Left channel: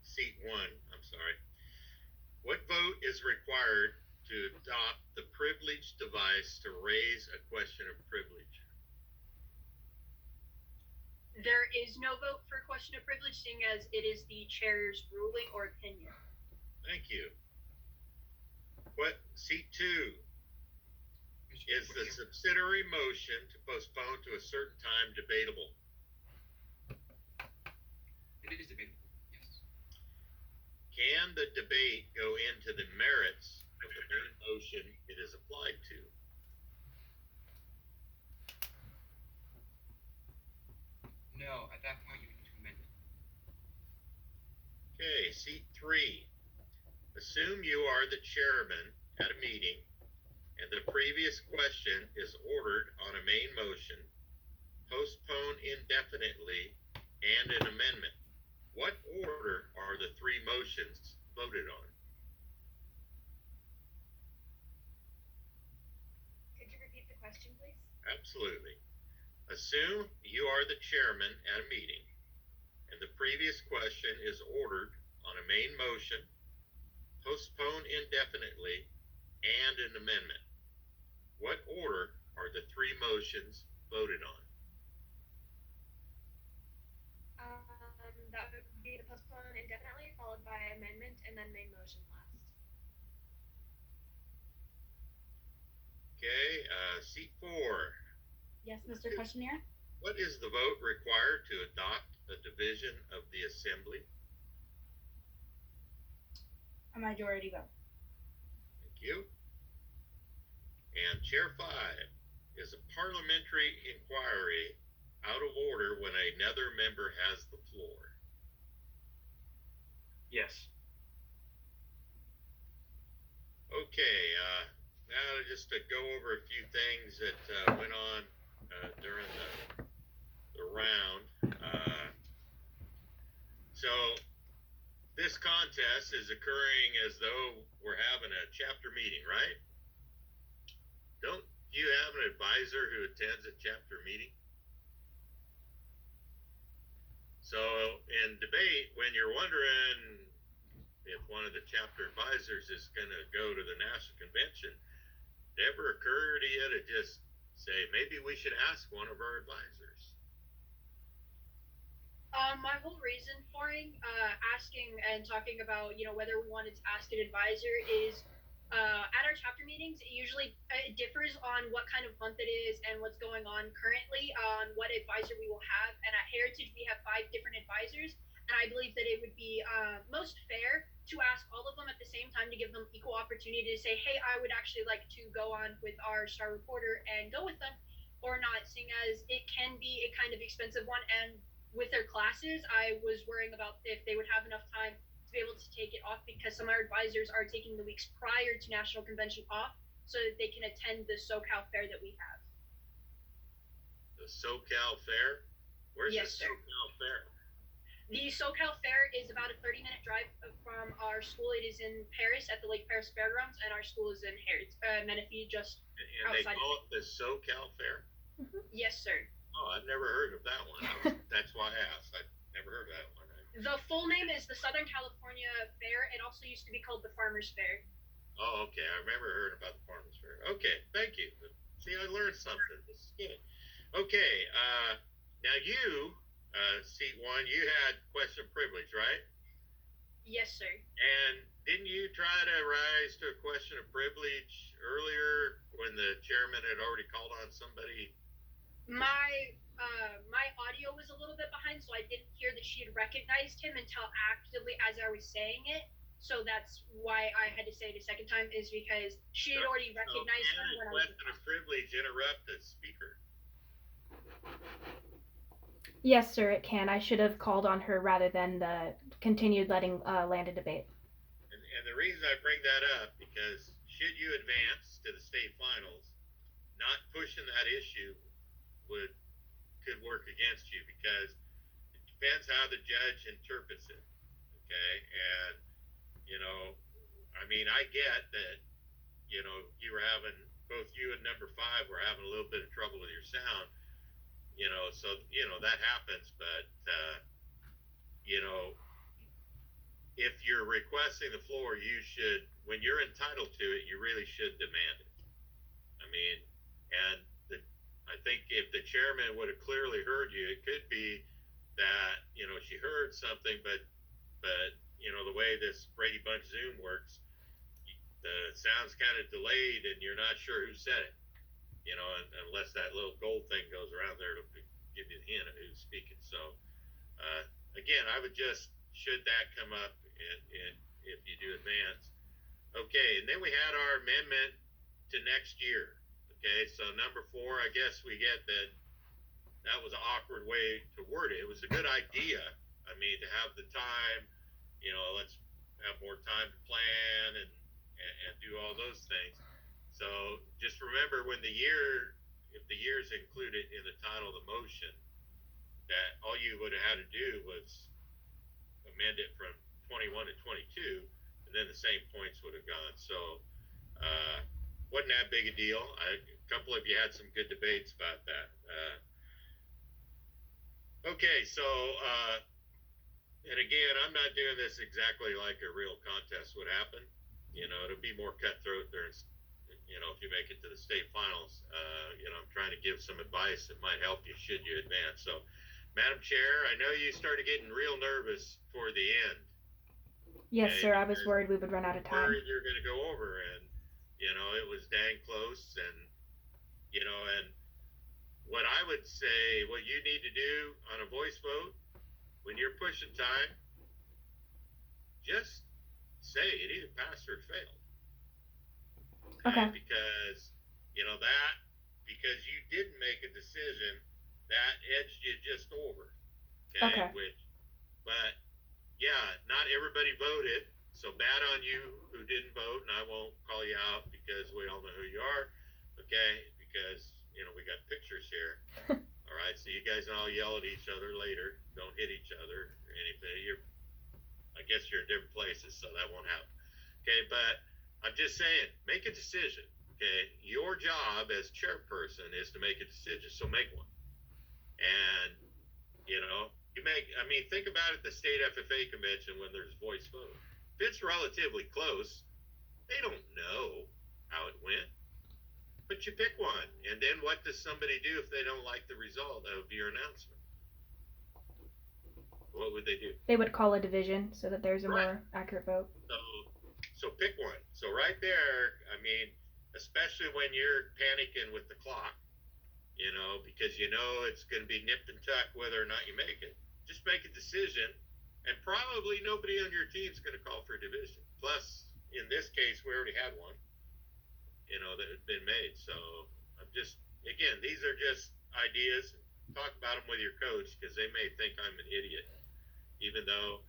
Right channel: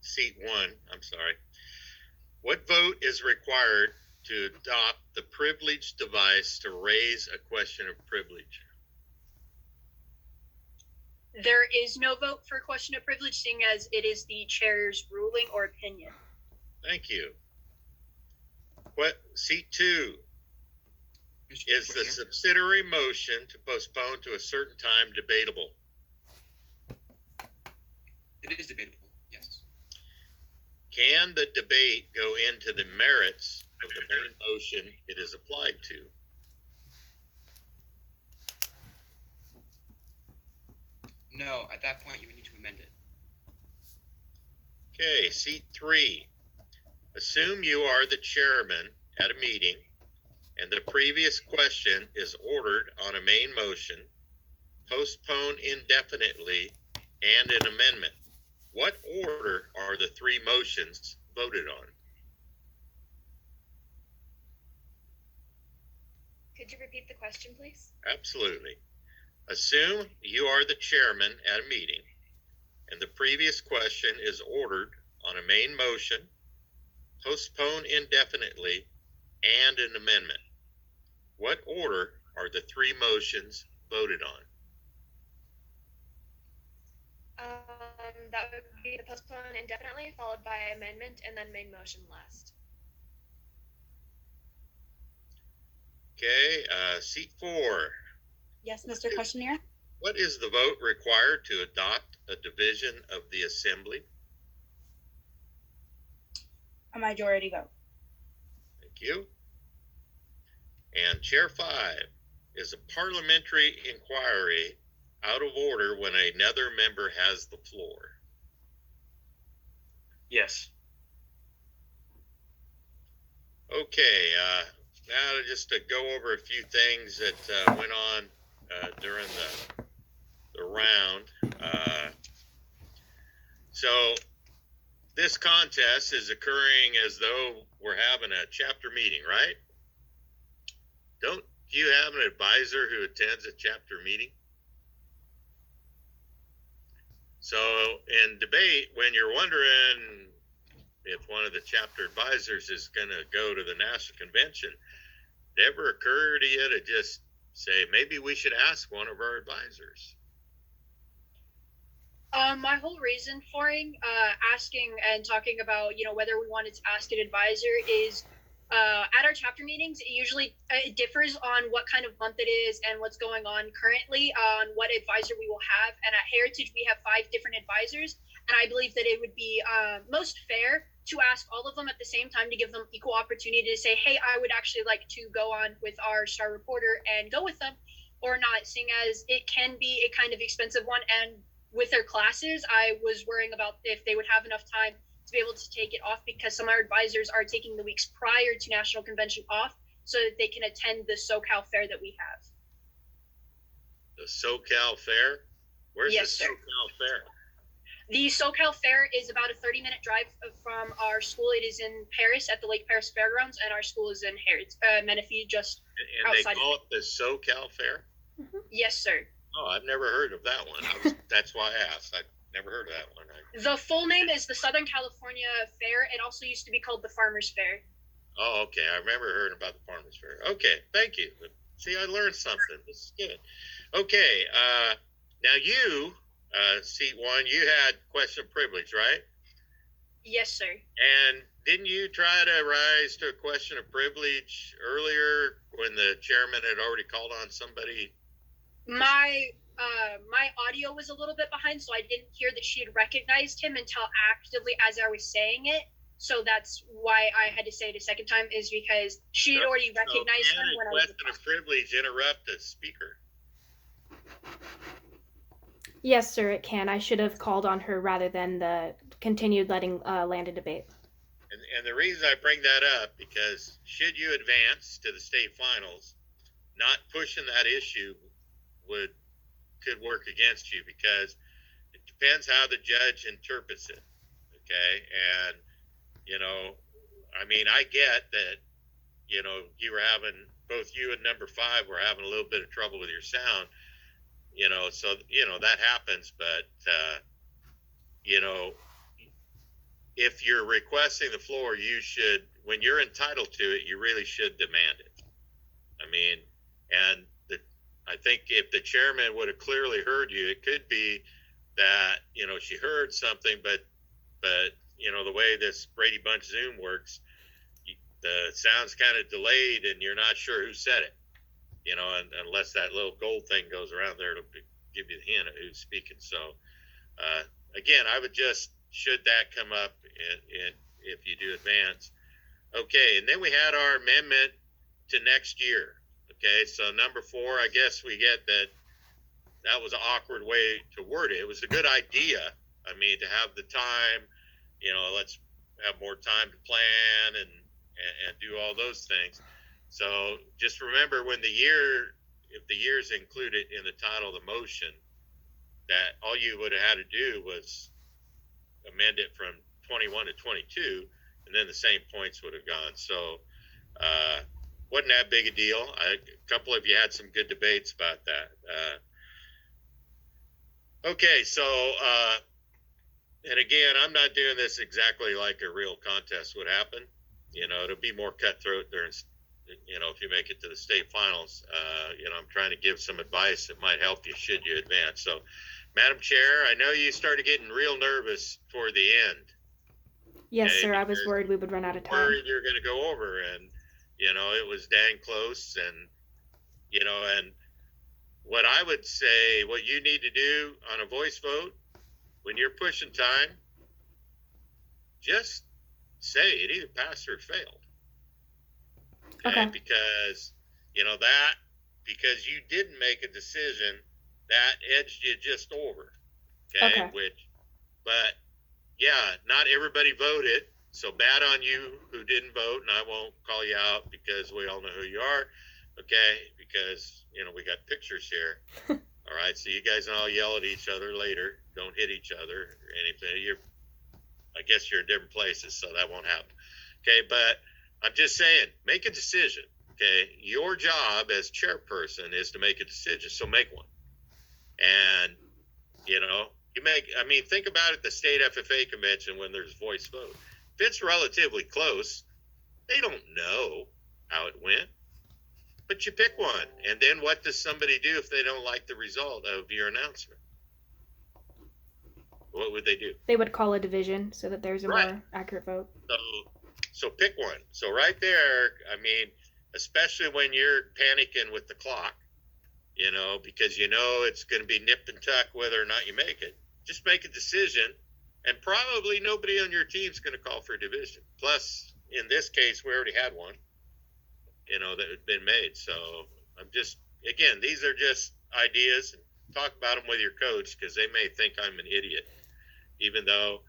Seat one, I'm sorry. What vote is required to adopt the privilege device to raise a question of privilege? There is no vote for question of privilege, seeing as it is the chair's ruling or opinion. Thank you. Seat two is the subsidiary motion to postpone to a certain time debatable? It is debatable, yes. Can the debate go into the merits of the main motion it is applied to? No, at that point you would need to amend it. Okay, seat three. Assume you are the chairman at a meeting and the previous question is ordered on a main motion, postpone indefinitely, and an amendment. What order are the three motions voted on? Could you repeat the question, please? Absolutely. Assume you are the chairman at a meeting and the previous question is ordered on a main motion, postpone indefinitely, and an amendment. What order are the three motions voted on? That would be the postpone indefinitely, followed by amendment, and then main motion last. Okay, seat four. Yes, Mr. Questionnaire? What is the vote required to adopt a division of the assembly? A majority vote. Thank you. And chair five, is a parliamentary inquiry out of order when another member has the floor? Yes. Okay, now just to go over a few things that went on during the round. So this contest is occurring as though we're having a chapter meeting, right? Don't you have an advisor who attends a chapter meeting? So in debate, when you're wondering if one of the chapter advisors is going to go to the national convention, did it ever occur to you to just say, maybe we should ask one of our advisors? My whole reason for asking and talking about, whether we wanted to ask an advisor is at our chapter meetings, it usually differs on what kind of month it is and what's going on currently on what advisor we will have. And at Heritage, we have 5 different advisors. And I believe that it would be most fair to ask all of them at the same time to give them equal opportunity to say, hey, I would actually like to go on with our star reporter and go with them or not, seeing as it can be a kind of expensive one. And with their classes, I was worrying about if they would have enough time to be able to take it off, because some of our advisors are taking the weeks prior to National Convention off so that they can attend the SoCal Fair that we have. The SoCal Fair? Where's Yes, the sir. SoCal Fair? The SoCal Fair is about a 30-minute drive from our school. It is in Paris at the Lake Paris Fairgrounds, and our school is in Menifee, just And they outside. call it the SoCal Fair? Mm-hmm. Yes, sir. Oh, I've never heard of that one. That's why I asked. I've never heard of that one. The full name is the Southern California Fair. It also used to be called the Farmers Fair. Oh, okay. I remember hearing about the Farmers Fair. Okay, thank you. See, I learned something. This is good. Okay, now you, seat one, you had question of privilege, right? Yes, sir. And didn't you try to rise to a question of privilege earlier when the chairman had already called on somebody? My audio was a little bit behind, so I didn't hear that she had recognized him until actively as I was saying it. So that's why I had to say it a second time, is because she had already recognized him when I was. Question of privilege interrupt the speaker? Yes, sir, it can. I should have called on her rather than the continued letting Landon debate. And the reason I bring that up, because should you advance to the state finals, not pushing that issue could work against you, because it depends how the judge interprets it. Okay, and I mean, I get that you were having, both you and number 5 were having a little bit of trouble with your sound. So that happens, but if you're requesting the floor, you should, when you're entitled to it, you really should demand it. I mean, and I think if the chairman would have clearly heard you, it could be that, she heard something, but the way this Brady Bunch Zoom works, the sound's kind of delayed and you're not sure who said it, and unless that little gold thing goes around there, it'll give you the hint of who's speaking. So, again, I would just, should that come up if you do advance. Okay, and then we had our amendment to next year. Okay, so number 4, I guess we get that was an awkward way to word it. It was a good idea. I mean, to have the time, let's have more time to plan and do all those things. So just remember if the year's included in the title of the motion, that all you would have had to do was amend it from 21 to 22, and then the same points would have gone. So, wasn't that big a deal. A couple of you had some good debates about that. Okay, so, and again, I'm not doing this exactly like a real contest would happen. It'll be more cutthroat during, if you make it to the state finals. I'm trying to give some advice that might help you should you advance. So, Madam Chair, I know you started getting real nervous toward the end. Yes, sir. I was worried we would run out of time. Worried you're going to go over, and it was dang close, and and what I would say, what you need to do on a voice vote when you're pushing time, just say it either passed or failed. Okay. Because because you didn't make a decision, that edged you just over. Okay. But yeah, not everybody voted. So bad on you who didn't vote, and I won't call you out because we all know who you are, okay? Because, we got pictures here. All right, so you guys all yell at each other later. Don't hit each other or anything. I guess you're in different places, so that won't happen. Okay, but I'm just saying, make a decision, okay? Your job as chairperson is to make a decision, so make one. And, think about it, the state FFA convention when there's voice vote. If it's relatively close, they don't know how it went, but you pick one. And then what does somebody do if they don't like the result of your announcement? What would they do? They would call a division so that there's a more accurate vote. So pick one. So right there, especially when you're panicking with the clock, because it's going to be nip and tuck whether or not you make it. Just make a decision. And probably nobody on your team is going to call for a division. Plus, in this case, we already had one, that had been made. So I'm just, again, these are just ideas. Talk about them with your coach because they may think I'm an idiot, even though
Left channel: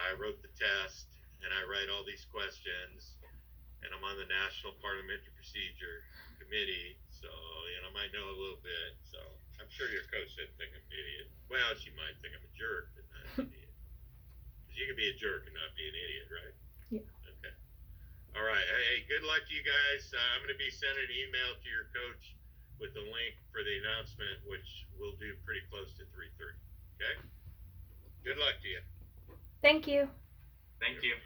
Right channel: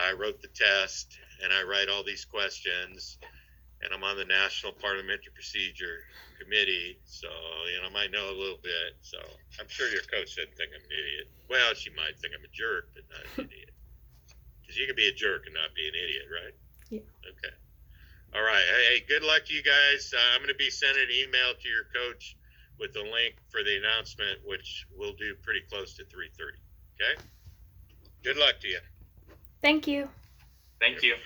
I wrote the test and I write all these questions and I'm on the National Parliamentary Procedure Committee. So, I might know a little bit. So I'm sure your coach doesn't think I'm an idiot. Well, she might think I'm a jerk, but not an idiot. You can be a jerk and not be an idiot, right? Yeah. Okay. All right. Hey, good luck to you guys. I'm going to be sending an email to your coach with the link for the announcement, which we'll do pretty close to 3:30. Okay. Good luck to you. Thank you. Thank you.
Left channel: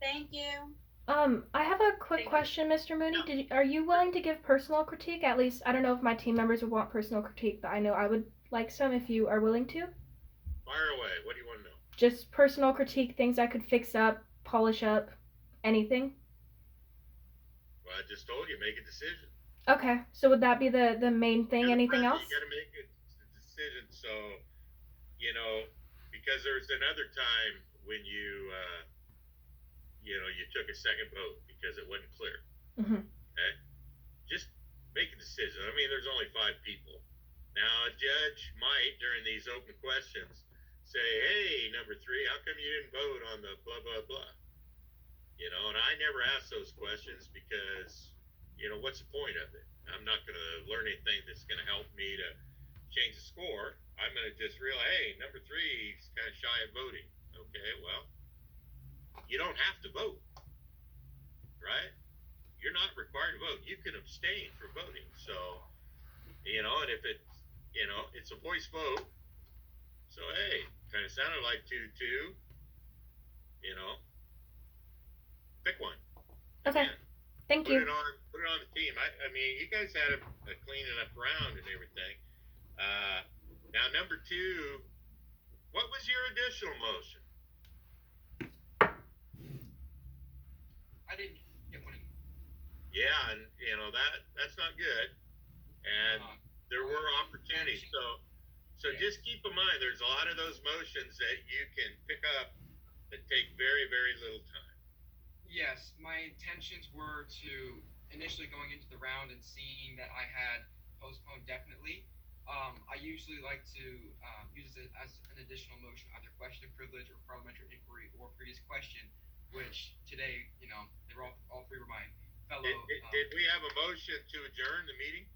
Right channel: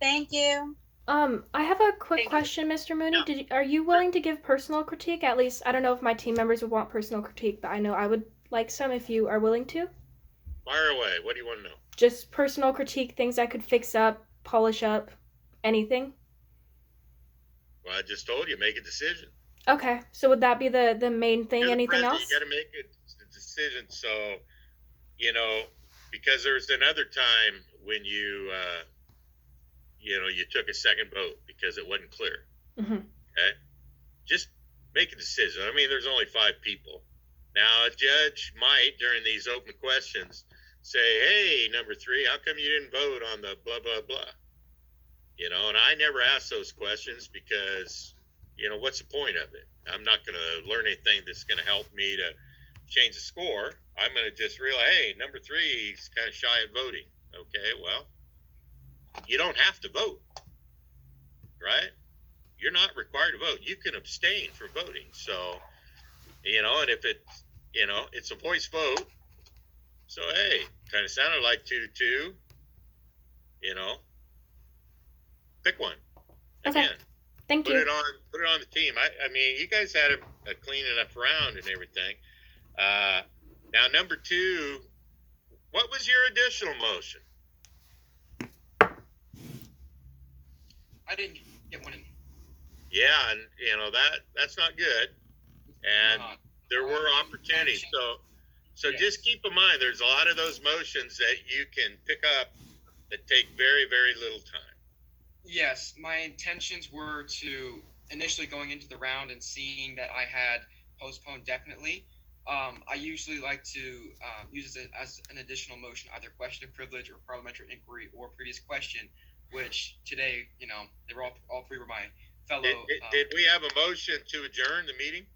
Thank you. I have a quick question, Mr. Mooney. Yeah. Are you willing to give personal critique? At least, I don't know if my team members would want personal critique, but I know I would like some if you are willing to. Fire away. What do you want to know? Just personal critique, things I could fix up, polish up, anything. Well, I just told you, make a decision. Okay, so would that be the main thing? You're the Anything president, else? You got to make a decision. So, because there's another time when you took a second vote because it wasn't clear. Mm-hmm. Okay, just make a decision. There's only 5 people. Now, a judge might, during these open questions, say, hey, number 3, how come you didn't vote on the blah, blah, blah? And I never ask those questions because, what's the point of it? I'm not going to learn anything that's going to help me to change the score. I'm going to just realize, hey, number 3 is kind of shy of voting. Okay, well, you don't have to vote, right? You're not required to vote. You can abstain from voting. So, and if you know, it's a voice vote. So hey, kind of sounded like 2-2. You know, pick one. Okay. Again, Thank put you. it on the team. I mean, you guys had a clean enough round and everything. Now number 2, what was your additional motion? I didn't get one in. Yeah, and you know that's not good. And there were opportunities. So Yes. just keep in mind, there's a lot of those motions that you can pick up that take very, very little time. Yes, my intentions were to initially going into the round and seeing that I had postponed definitely. I usually like to use it as an additional motion, either question of privilege or parliamentary inquiry or previous question, which today, you know, they were all three were my fellow. Did we have a motion to adjourn the meeting?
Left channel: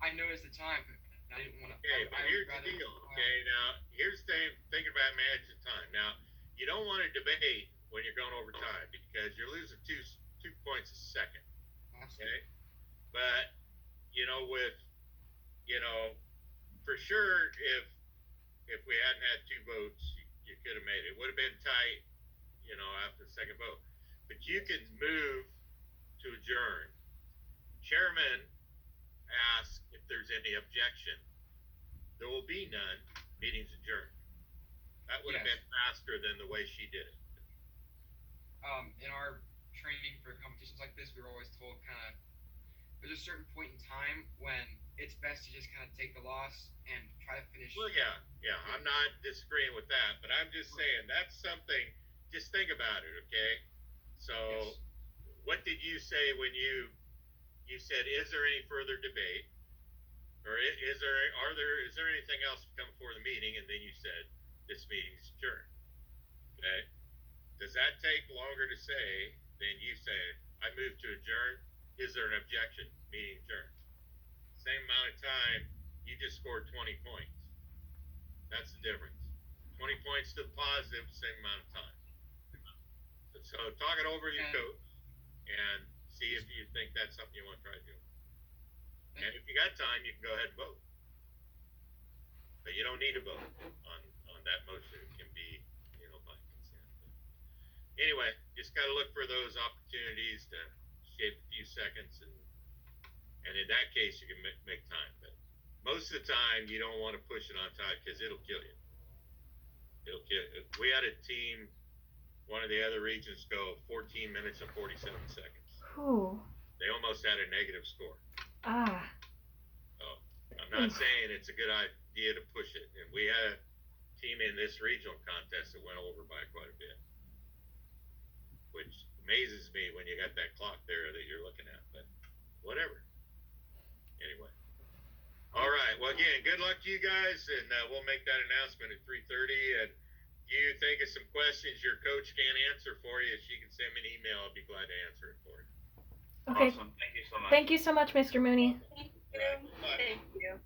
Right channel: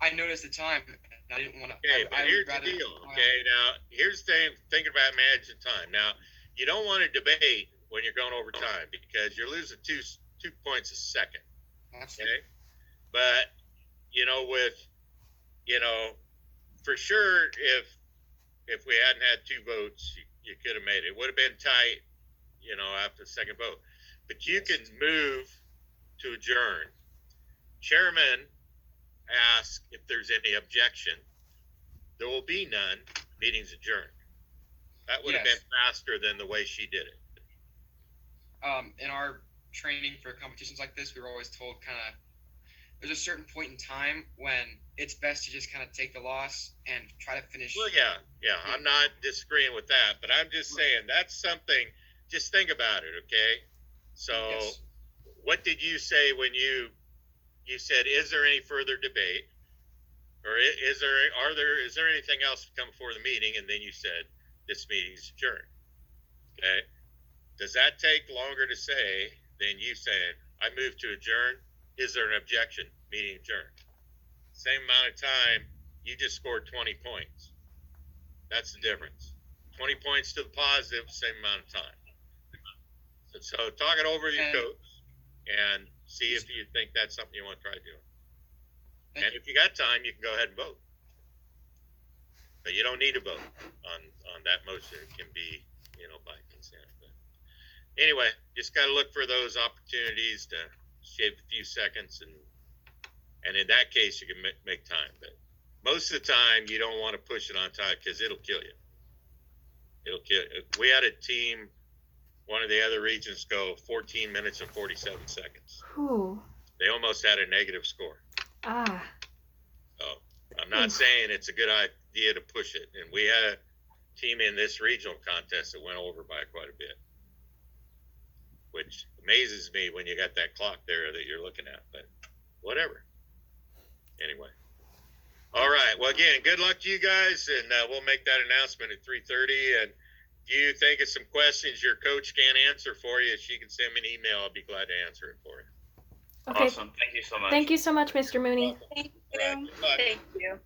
I noticed the time. And I didn't want to. Okay, but here's the deal. Okay, now here's the thing. Thinking about managing time. Now you don't want to debate when you're going over time because you're losing two points a second. Okay, but you know, for sure, if we hadn't had 2 votes, you could have made it. It would have been tight, you know, after the second vote. But you can move to adjourn. Chairman asks if there's any objection. There will be none. Meeting's adjourned. That would have Yes. been faster than the way she did it. In our training for competitions like this, we were always told there's a certain point in time when it's best to just kind of take the loss and try to finish. Well, yeah, I'm not disagreeing with that, but I'm just saying that's something. Just think about it, okay? So, Yes. what did you say when you said, "Is there any further debate, or is there anything else to come before the meeting?" And then you said, "This meeting's adjourned." Okay. Does that take longer to say than you saying, "I move to adjourn"? Is there an objection? Meeting adjourned. Same amount of time. You just scored 20 points. That's the difference. 20 points to the positive, same amount of time. So talk it over with your coach and see if you think that's something you want to try doing. And if you got time, you can go ahead and vote. But you don't need to vote on that motion. It can be, you know, by consent. But anyway, just got to look for those opportunities to shave a few seconds, and in that case, you can make time. But most of the time, you don't want to push it on time because it'll kill you. It'll kill you. We had a team, one of the other regions, go 14 minutes and 47 seconds. Ooh. They almost had a negative score. Ah. So I'm not saying it's a good idea to push it. And we had a team in this regional contest that went over by quite a bit, which amazes me when you got that clock there that you're looking at. But whatever. Anyway. All right. Well, again, good luck to you guys, and we'll make that announcement at 3:30. And if you think of some questions your coach can't answer for you, she can send me an email. I'll be glad to answer it for you. Okay. Awesome. Thank you so much. Thank you so much, Mr. Mooney. Thank All right. you. Good luck. Thank you.